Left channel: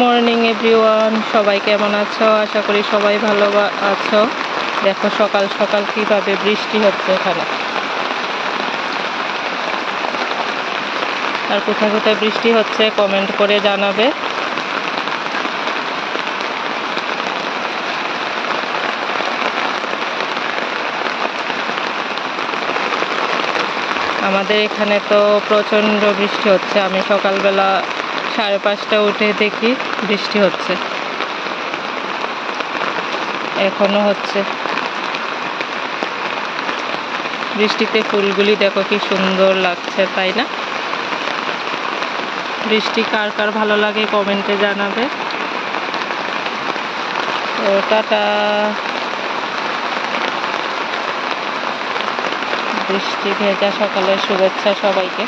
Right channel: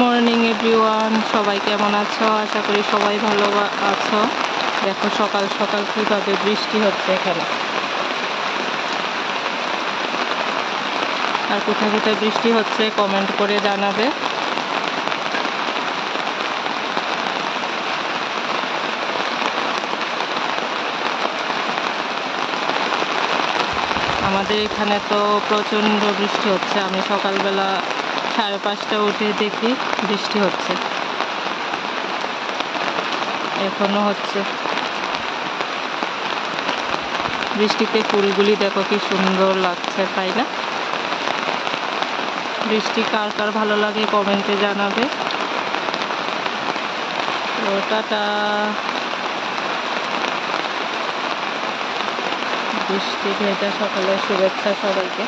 Morning everyone, সবাই কেমন আছো? আশা করি সবাই ভালো আছো। দেখো সকাল সকাল কিভাবে বৃষ্টি হচ্ছে এখানে। আর কোথায় কোথায় বৃষ্টি হচ্ছে কমেন্ট করে জানাবে। আমাদের এখানে তো প্রচণ্ড বৃষ্টি হচ্ছে। আমি সকালবেলা 5:30 উঠে দেখি বৃষ্টি হচ্ছে, এখনো হচ্ছে। বৃষ্টিতে ফুলগুলি দেখো কি সুন্দর লাগছে, তাই না? বৃষ্টি কার কার ভালো লাগে কমেন্টে জানাবে। তো টাটা। বৃষ্টি ভেজা সকালের শুভেচ্ছা সবাইকে।